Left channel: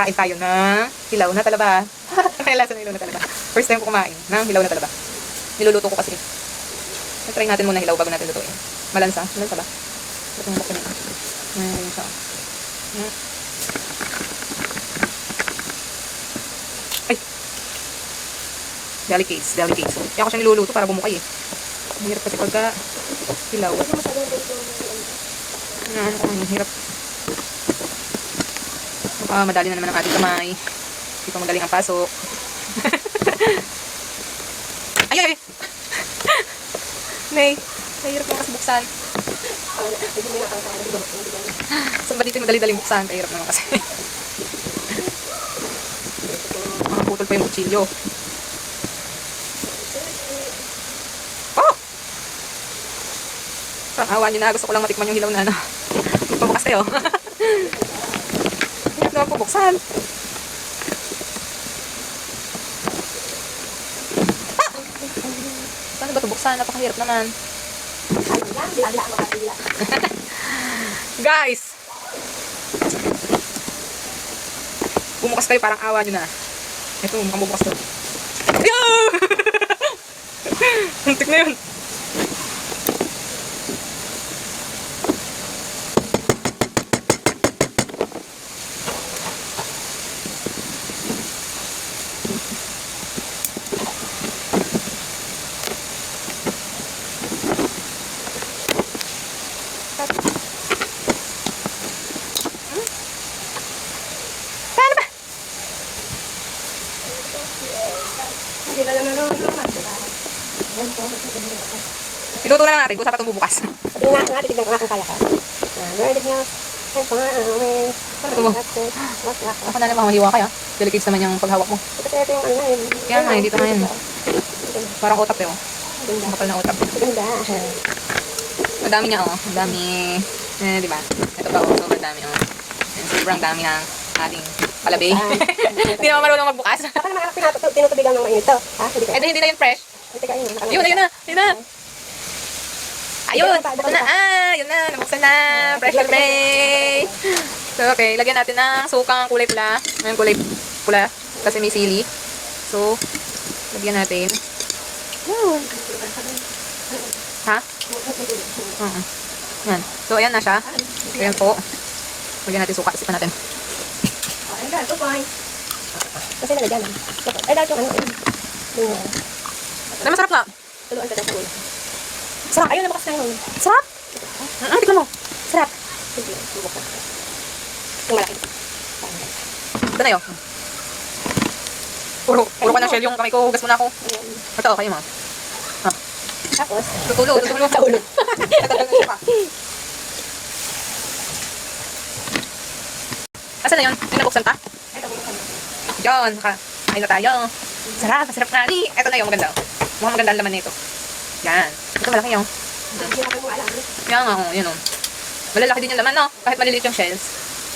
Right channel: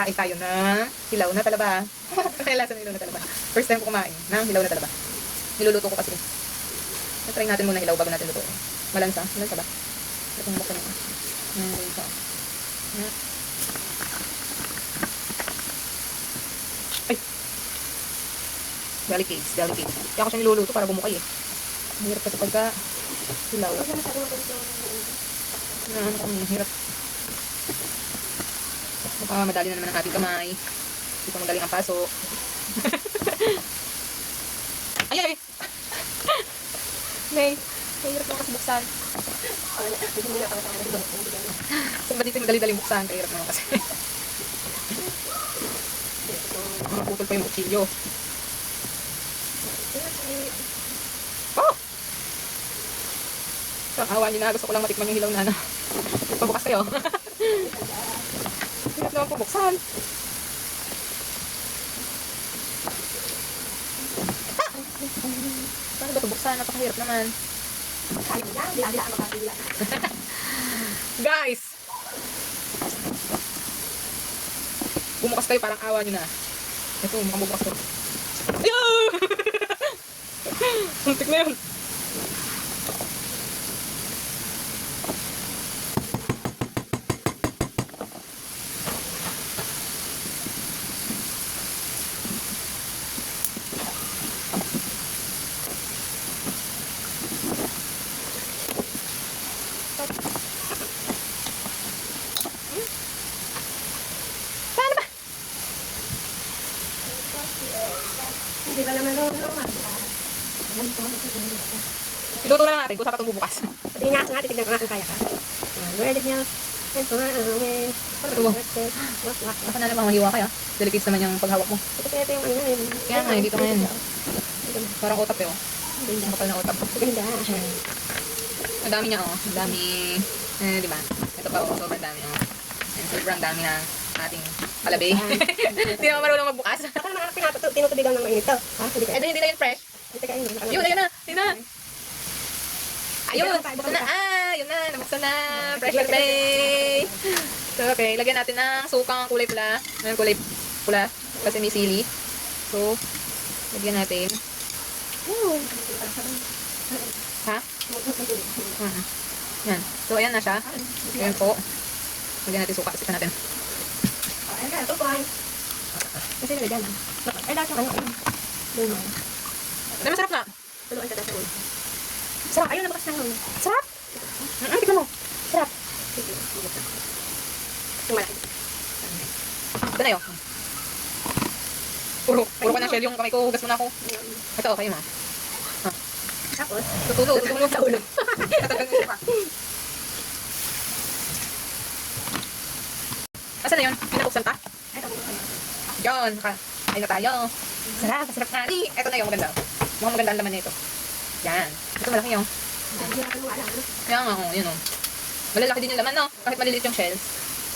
Kakain tayo na hilaw na talaba. May lasa na hilaw na talaba. First time ko kumain ng hilaw na talaba. Niluluto ko kasi. Try natin muna hilaw bago natin lutuin. Malansa. Malansa ba? Ito yung buksan nito. Yan. Ito. Yan. Ay! Deli case. Deli case. Kaya ko siya niluluto para bumukay eh. Mahirap kasi pagka hilaw. Yan. Ang hirap. Madali na naman ang ating kamay. Hindi pa magaling ang pasok. Ay, ay, ay! May, mahirap naman kasi buksan. Saan ba dito yung madali-daling buksan? Mahirap naman kasi. Makaputol pa yung kutsilyo. Oh! Awa nyo na. Gusto ko lang matikman yung hilaw na ano. Pabukas kayo. Hindi ako buksan. Paano ba ito buksan? Napakahirap naman. Guys! Bumukas kayo, parang awa nyo na. Ito, mukhang bubukas to. Muntik na yun. Iluto na lang natin kung saan pa itong bubukas. Sabihin nga natin, tignan ko nga kung kaya ka. Word niya. Ako na lang mga mahiwa kaya. Delicates naman yung paghawak mo. Kasi ito yung ano na yun. Kaya nga, dito na yun. Parang utak yun. Makapal na utak. Ganda. Ang dami niya, oh. Ang dami. Eh, di ba? Ito pa, oh. Sobrang dami, oh. And sobrang dami ng ating palabi. Hindi naman marunong magbukas. Ako naman anak tinutubigan ng mainit to. Ha? Hindi na yun fresh. Ayun, ayun na. Ayun na. Ayun. Ito na. Yun na. Nabuksan na. Fresh na fresh. So, okay. Lagyan natin ng sukang kulay pula. Ngayon kulay pula. Kasi may sili. So, lagyan natin. Woo. Ha? Yan. So, ayan na siya. Ayan po. Lagyan natin suka. Sipan natin. Ayan, ito fine. Kasi nalagyan lang. Ay, dahil yung ano. Na masarap nga. Tuluan ka sa ulo. Sarap. Ayun, nabakas na yun. Sarap. Tignan mo. Sarap. Sige, bubuksan. Yung malaki. Ito na yun. Puro ka na shell yung kamay ko. Hugas mo na ako. Ito, kayo mo. Tapos, Tutulo sa ulo. Tatagal na siya pa. Asan na yun? Yung nabuksan pa? ito bubuksan. Yun. Kain na tayo. Sarap. Masarap na. Ito na yung maganda. Mukhang maganda ang laman nito. Yan. Ito malaki yung. Hindi natin mo alam. Yan nga. Yun o. Malalaki din yung laman, no? Kahit maliliit yung shells.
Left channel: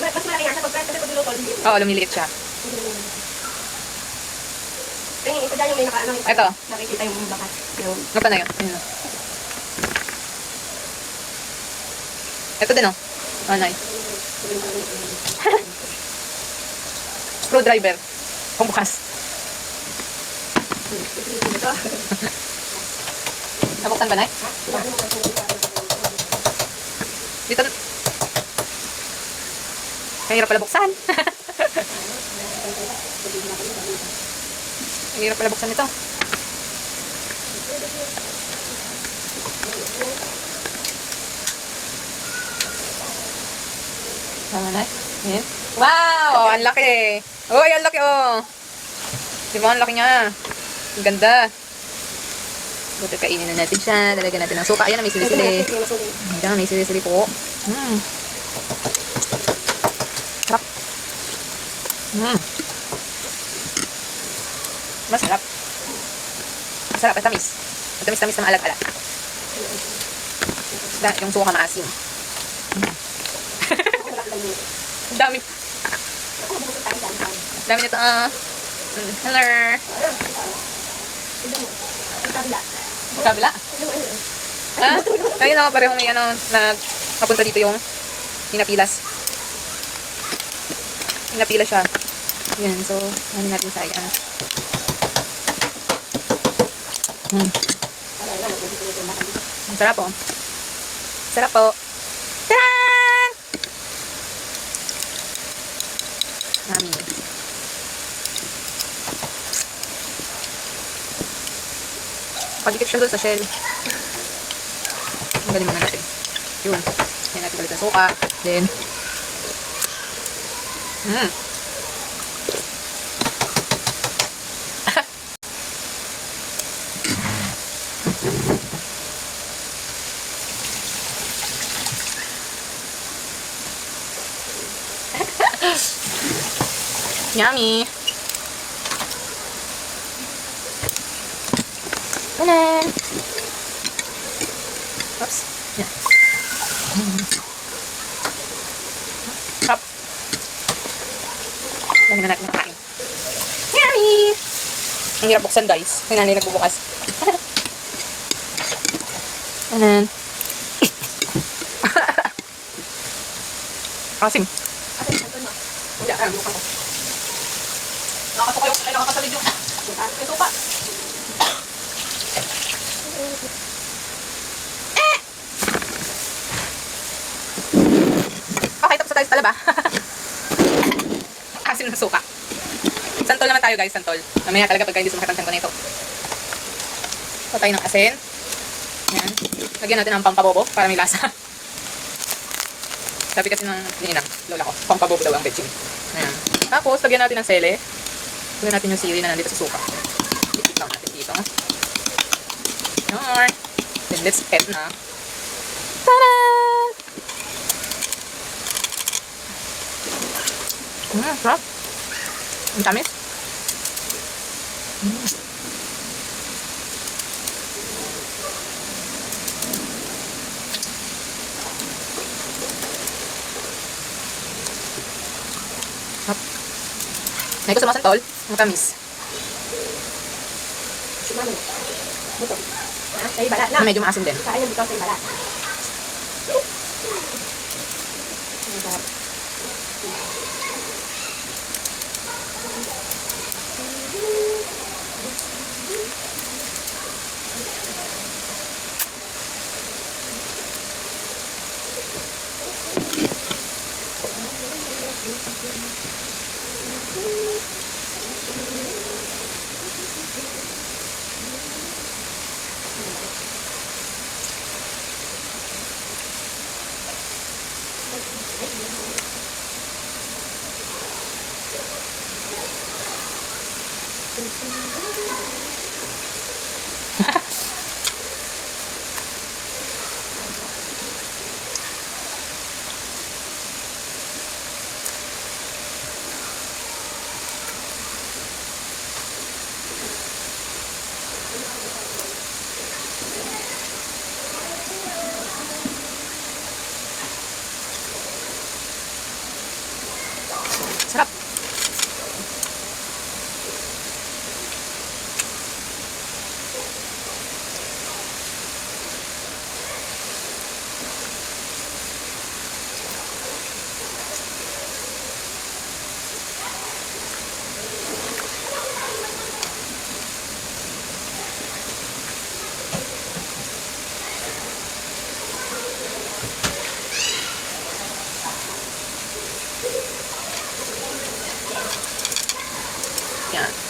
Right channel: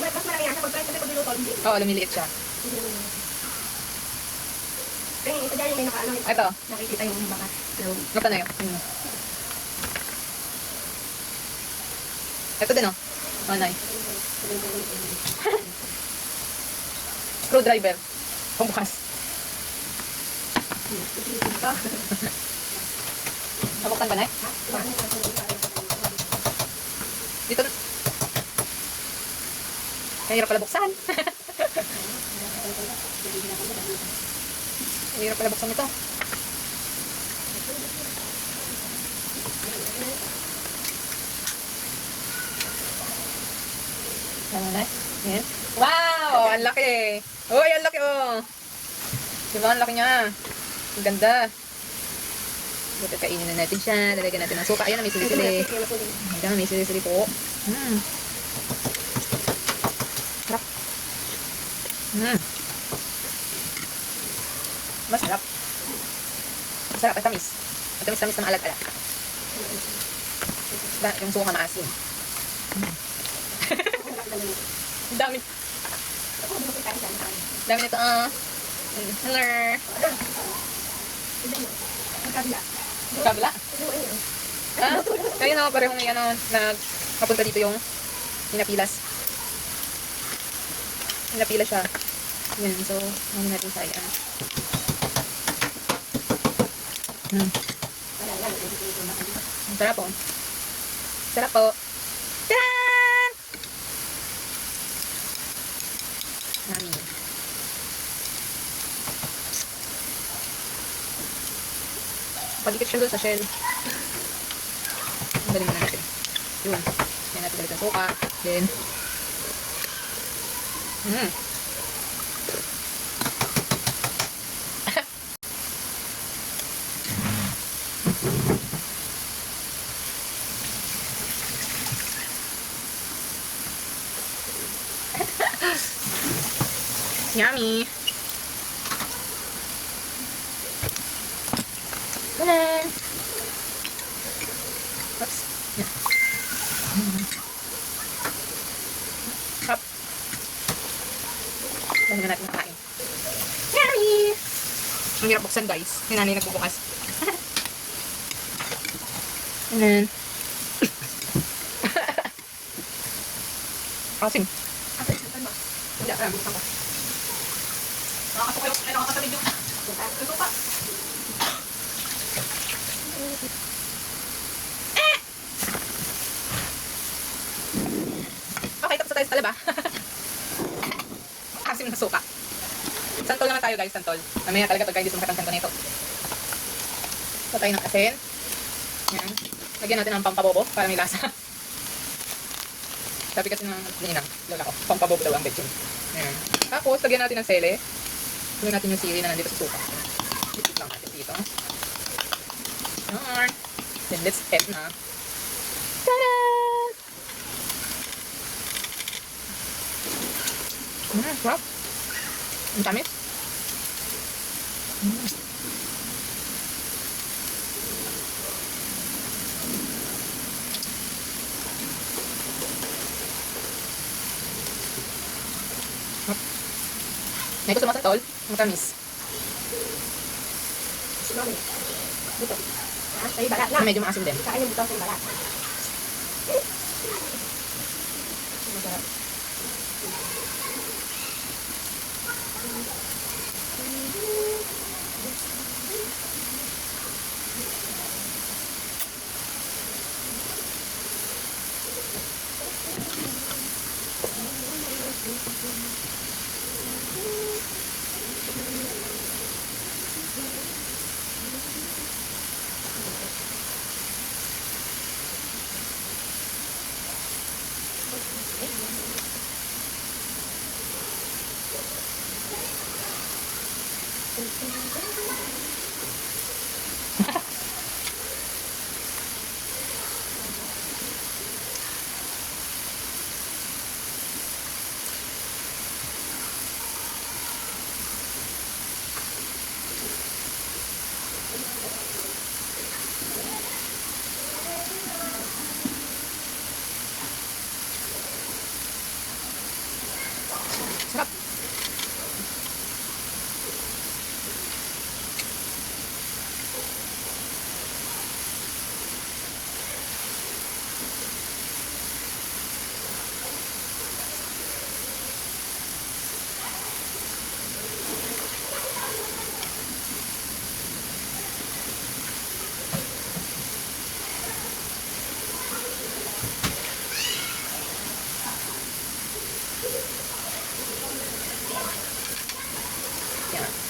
Mas malaki yan sa pagkain kasi pag niluto. Oo, lumiliit siya. Ito dyan yung may nakaano. Ito. Nakikita yung bakas. Ito na yun. Ayun. Ito din, oh. Oh, nice. Screwdriver. Pambukas. Nabuksan ba, Nay? Dito. Mahirap pala buksan. Mahirap pala buksan ito. Tama na. Ayan. Wow! Ang laki! Uy, ang laki oh! Diba ang laki niya? Ang ganda! Buti kainin na natin siya. Lalagyan natin ng suka. Ayan, may sili-sili. Ayan, may sili-sili po. Sarap. Masarap. Masarap at tamis. Tamis-tamis na maalat-alat. Yung suka maasim. Ang dami. Ang dami nito. Hello. Kabila. Ha? Ayun lang, parehong may ano, na napunta dito yung hinapilas. Hinapilas siya. Yan, so, ano natin sayang. Ang sarap po. Sarap po. Tadaan! Yummy. Padikit siya doon sa shell. Ang galing muna natin. Yun. Yan natin ulit ang suka. Then, yummy. Tanan! Oops. Yan. Sarap. Dami na natin nakain. Yummy! Ang hirap buksan, guys. May nanay nagbubukas. Tanan. Asim. Hindi, ay, bukas ako. Nakakasuka yung, ay, nakakasalid yung kasuka. Okay, tapos na tayo sa talaba. Asim ng suka. Santol naman tayo, guys, santol. Mamaya talaga pagka hindi sumakit ang nito. So, tayo ng asin. Yan. Lagyan natin ng pampabobo para may lasa. Sabi kasi ng ninang, lola ko, pampabobo daw ang betchin. Ayan. Tapos, lagyan natin ng sele. Lagyan natin yung sili na nandito sa suka. Ikaw natin dito. Alright. Then, let's eat na. Tada! Sarap. Ang tamis. Nay ko sumasantol, ang tamis. Sumami. Buto. Ha? Sa'yo balat na. Medyo maasim din. Kain yung buto sa'yo balat. Sarap. Yan.